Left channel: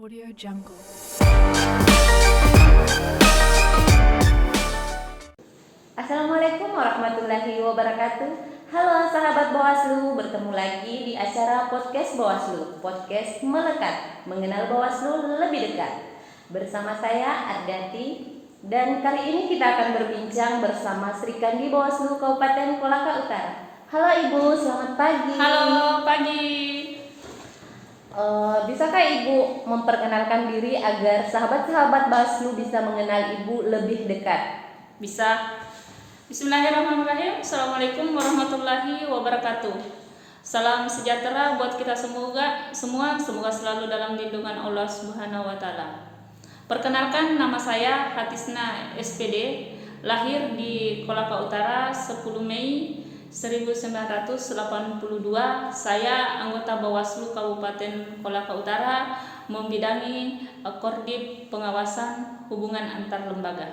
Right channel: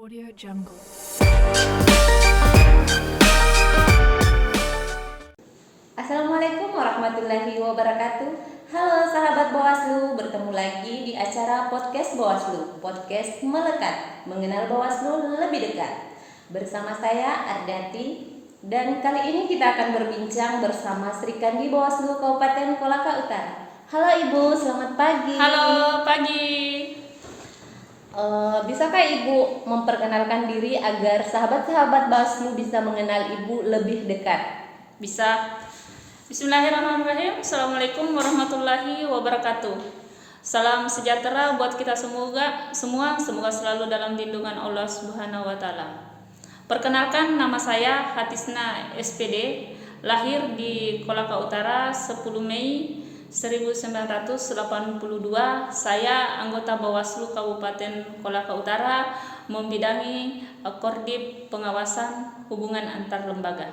Audio Jungle. Assalamualaikum warahmatullahi wabarakatuh. Halo sahabat Bawaslu, bertemu lagi di acara podcast Bawaslu, podcast melekat, mengenal Bawaslu lebih dekat. Bersama saya Ardati, dan kali ini kita akan berbincang bersama Sri Kandi Bawaslu Kabupaten Kolaka Utara. Halo Ibu, selamat pagi. Halo, pagi. Bisakah Ibu memperkenalkan diri agar sahabat-sahabat Bawaslu bisa mengenal Ibu lebih dekat? Bisa. Bismillahirrahmanirrahim. Assalamualaikum warahmatullahi wabarakatuh. Salam sejahtera buat kita semoga selalu dalam lindungan Allah Subhanahu wa taala. Perkenalkan, nama saya Hatisna SPD, lahir di Kolaka Utara 10 Mei 1982. Saya anggota Bawaslu Kabupaten Kolaka Utara, membidangi Korbit Pengawasan Hubungan Antar Lembaga.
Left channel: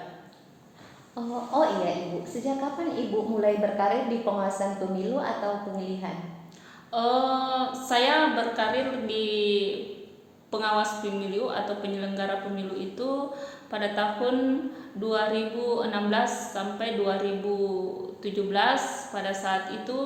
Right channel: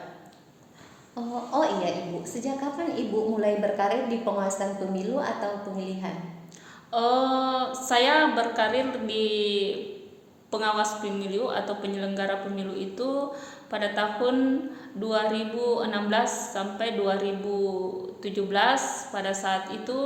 Oh iya Ibu, sejak kapan Ibu mulai berkarir di pengawasan pemilu atau pemilihan? Saya berkarir di pengawas pemilu atau penyelenggara pemilu itu pada tahun 2016 sampai 2017. Pada saat itu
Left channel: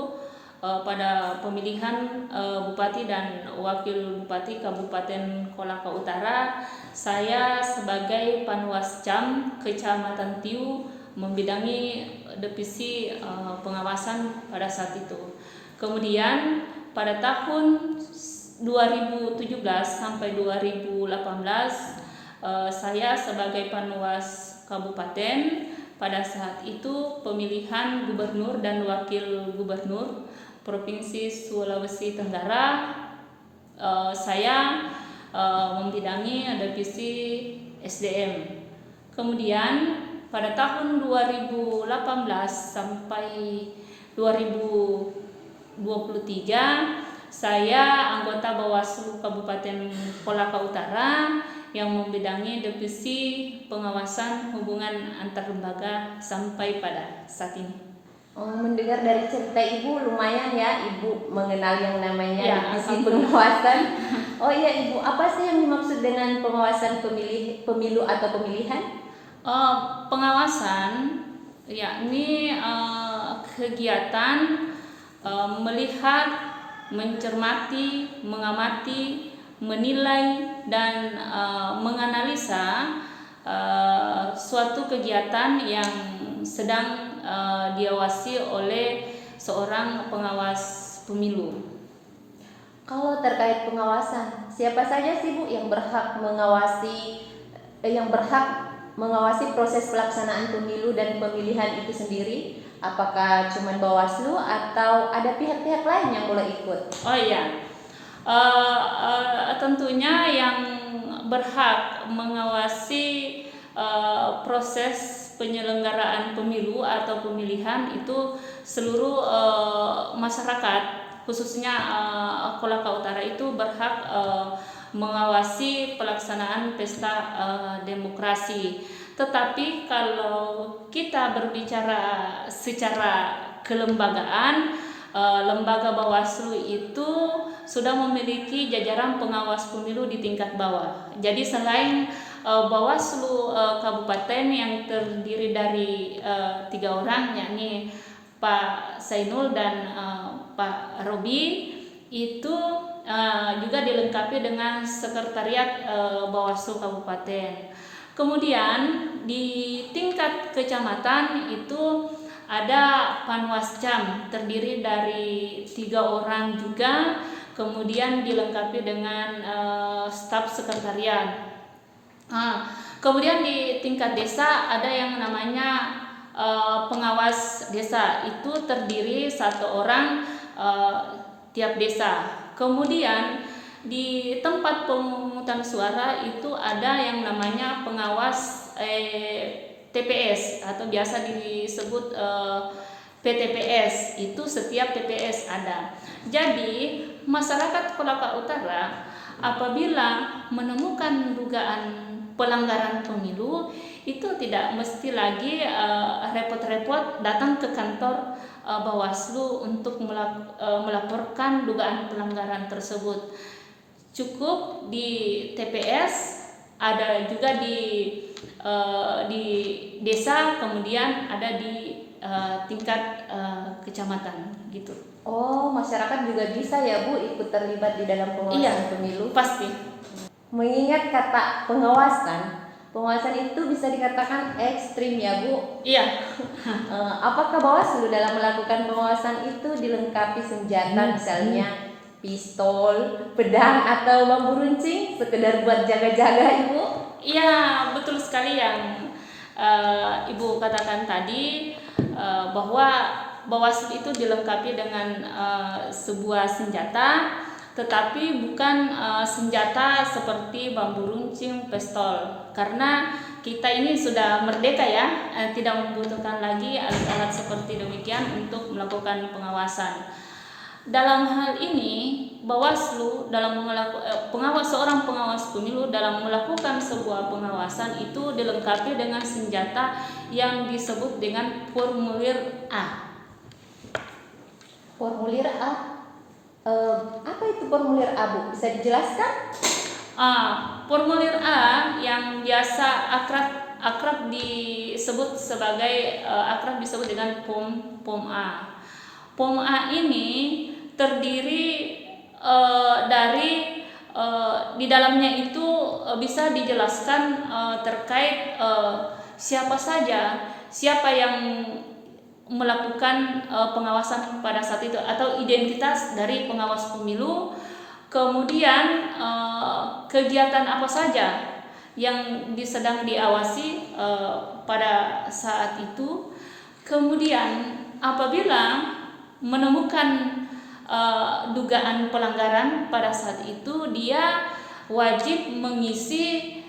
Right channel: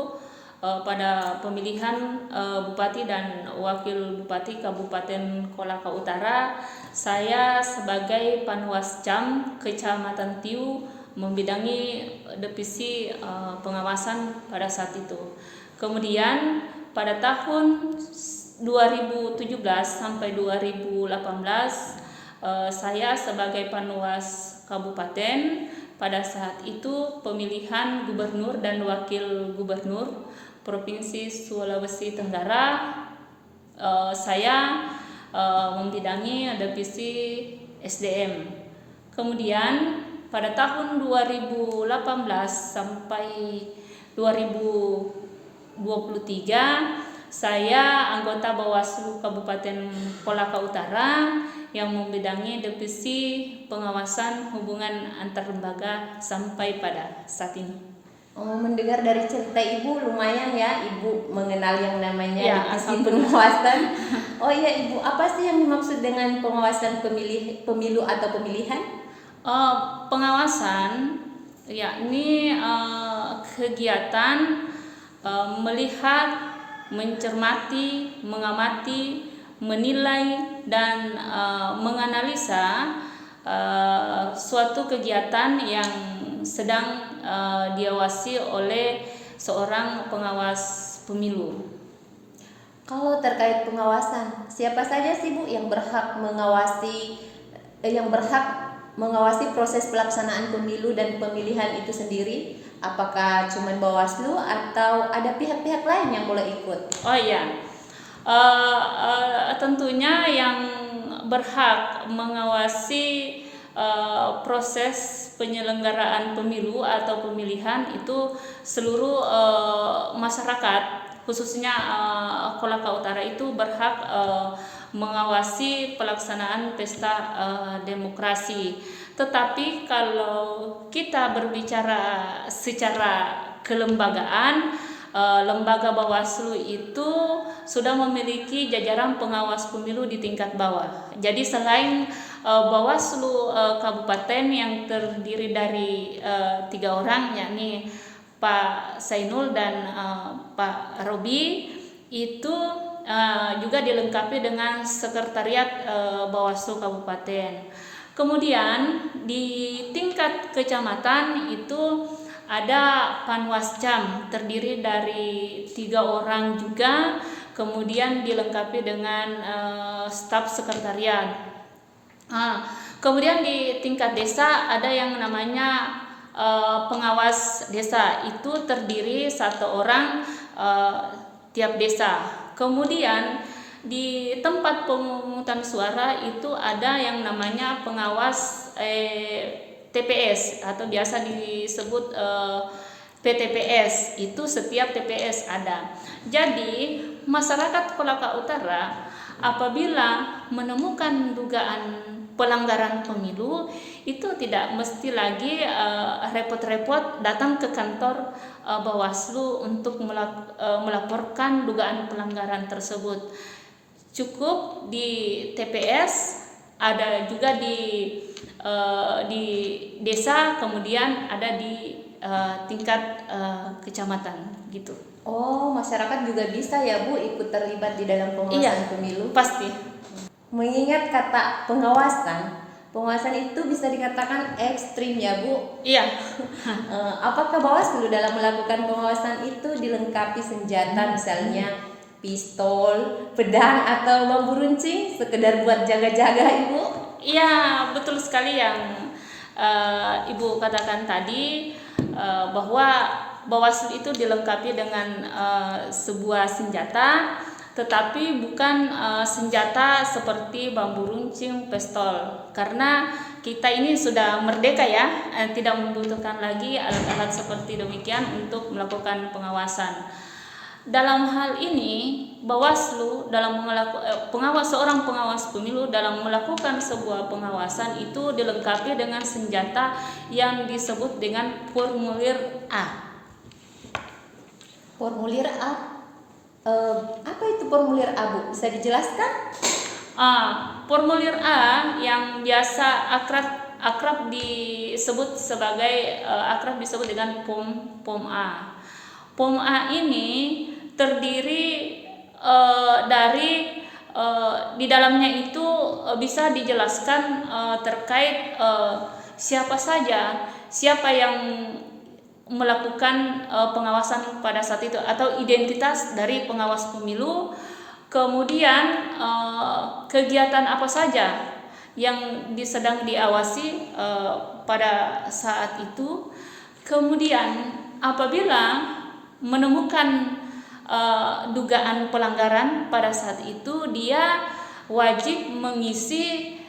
pada pemilihan Bupati dan Wakil Bupati Kabupaten Kolaka Utara, saya sebagai Panwas Cam Kecamatan Tiu membidangi divisi pengawasan pada saat itu. Kemudian pada tahun 2017 sampai 2018 saya sebagai Panwas Kabupaten. Pada saat itu pemilihan gubernur dan wakil gubernur Provinsi Sulawesi Tenggara, saya membidangi divisi SDM. Kemudian pada tahun 2018 sampai 2023 saya anggota Bawaslu Kabupaten Kolaka Utara yang membidangi divisi pengawasan hubungan antar lembaga sampai pada saat ini. Mendengar dari cerita Ibu lumayan ya Ibu mengenal yang namanya divisi alhamdulillah. pengawasan. Oh iya Ibu, apa sih yang dimaksud dengan pengawasan pemilu atau pemilihan? Pengawasan yakni kegiatan melihat, mencermati, mengamati, menilai dan menganalisa suatu kegiatan yang sedang diawasi oleh seorang pengawas pemilu. Kalau terkait pengawasan, siapa saja sih Bu yang berhak mengawasi proses pelaksanaan pemilu dan pemilihan itu sendiri? Apakah cuma Bawaslu atau ada pihak-pihak lain yang boleh ikut? Oh iya, tentunya yang berhak mengawasi proses penyelenggaraan pemilu atau pemilihan itu seluruh masyarakat, khususnya Kolaka Utara itu berhak mengawasi pelaksanaan pesta demokrasi. Tetapi kalau kita berbicara secara kelembagaan, lembaga Bawaslu itu sudah memiliki jajaran pengawas pemilu di tingkat bawah. Jadi selain Bawaslu Kabupaten yang terdiri dari 3 orang, yakni Pak Sainul dan Pak Robi, itu juga dilengkapi dengan sekretariat Bawaslu Kabupaten. Kemudian di tingkat kecamatan itu ada Panwascam terdiri dari 3 orang juga, kemudian dilengkapi dengan staf sekretariat. Kemudian di tingkat desa ada yang namanya pengawas desa, itu terdiri 1 orang tiap desa. Kemudian di tempat pemungutan suara itu ada yang namanya pengawas TPS atau biasa disebut PTPS, itu setiap TPS ada. Jadi masyarakat Kolaka Utara apabila menemukan dugaan pelanggaran pemilu itu tidak mesti lagi repot-repot datang ke kantor Bawaslu untuk melaporkan dugaan pelanggaran tersebut. cukup di TPS, ada juga di desa, kemudian ada di tingkat kecamatan gitu. Oh, masyarakat juga bisa ya Bu ikut terlibat di dalam pengawasan pemilu? Pasti. Mengingat kata pengawasan itu bisa dikatakan ekstrim ya Bu. Iya. Apakah Bawaslu dalam melakukan pengawasan itu dilengkapi senjata misalnya pistol, pedang atau bambu runcing sekedar buat jaga-jaga Ibu? Iya, betul sekali yang Ibu katakan tadi, bahwa Bawaslu itu dilengkapi dengan sebuah senjata, tetapi bukan senjata seperti bambu runcing, pistol, karena kita ini sudah merdeka ya, tidak membutuhkan lagi alat-alat seperti demikian untuk melakukan pengawasan. Dalam hal ini, Bawaslu dalam seorang pengawas pemilu dalam melakukan sebuah pengawasan itu dilengkapi dengan senjata yang disebut dengan formulir A. Formulir A, apa itu formulir A Bu? Bisa dijelaskan? Formulir A yang biasa akrab disebut sebagai dengan POM A. POM A ini terdiri dari di dalamnya itu bisa dijelaskan terkait siapa yang melakukan pengawasan pada saat itu atau identitas dari pengawas pemilu, kemudian kegiatan apa saja yang sedang diawasi pada saat itu, kemudian apabila menemukan dugaan pelanggaran pada saat itu, dia wajib mengisi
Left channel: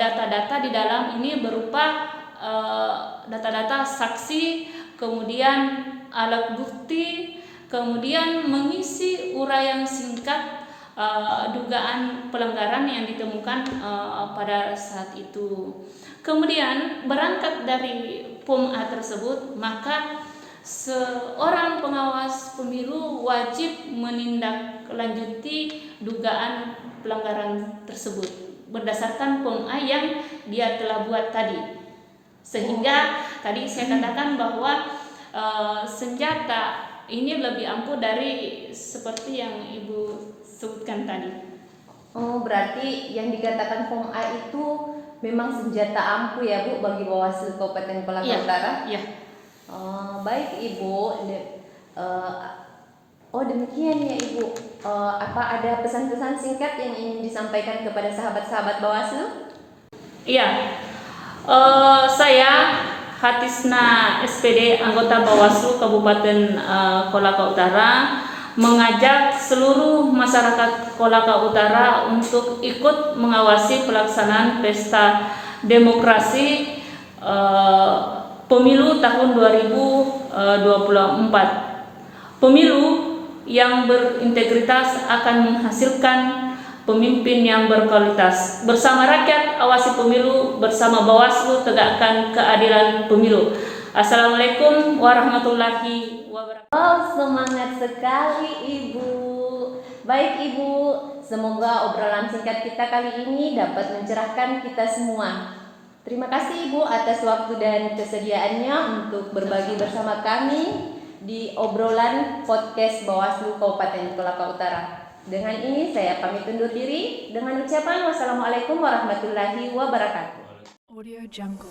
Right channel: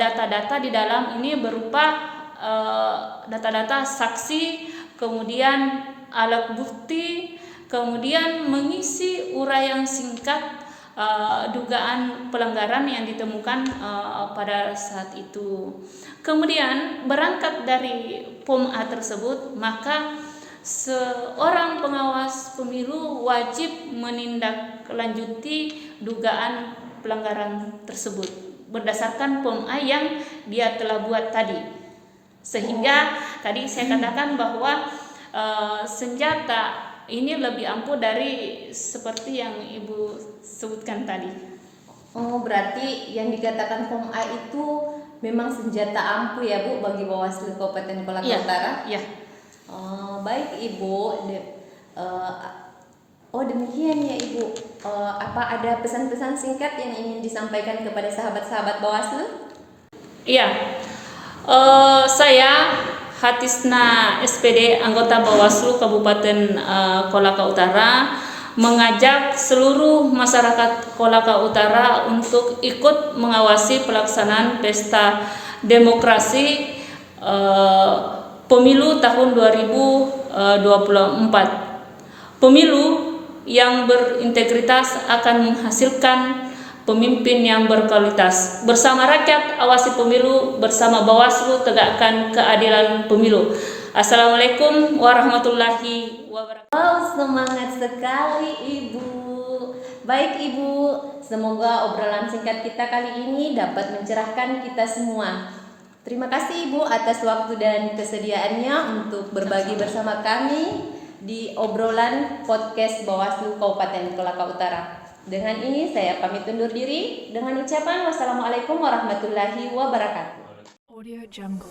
data-data di dalam ini berupa data-data saksi, kemudian alat bukti, kemudian mengisi uraian singkat dugaan pelanggaran yang ditemukan pada saat itu. Kemudian berangkat dari POM A tersebut, maka seorang pengawas pemilu wajib menindaklanjuti dugaan pelanggaran tersebut berdasarkan POM A yang dia telah buat tadi. Sehingga tadi saya katakan bahwa senjata ini lebih ampuh dari seperti yang Ibu sebutkan tadi. Oh, berarti yang dikatakan POM A itu memang senjata ampuh ya Bu bagi Bawaslu Kabupaten Kolaka Utara? Iya. Baik Ibu. Demikian ya Ibu. Apa ada pesan-pesan singkat yang ingin disampaikan kepada sahabat-sahabat Bawaslu? Iya. Saya Hatisna SPD anggota Bawaslu Kabupaten Kolaka Utara mengajak seluruh masyarakat Kolaka Utara untuk ikut mengawasi pelaksanaan pesta demokrasi pemilu tahun 2024. Pemilu yang berintegritas akan menghasilkan pemimpin yang berkualitas. Bersama rakyat awasi pemilu, bersama Bawaslu tegakkan keadilan pemilu. Assalamualaikum warahmatullahi wabarakatuh. Oh, semangat sekali Ibu. Baik Ibu, semoga obrolan singkat kita kali ini dapat mencerahkan kita semua. Terima kasih Ibu atas waktu dan kesediaannya untuk berbagi bersama kami di obrolan podcast Bawaslu Kabupaten Kolaka Utara. Dengan ini saya pamit undur diri dengan ucapan wassalamualaikum warahmatullahi wabarakatuh. Audio Jungle.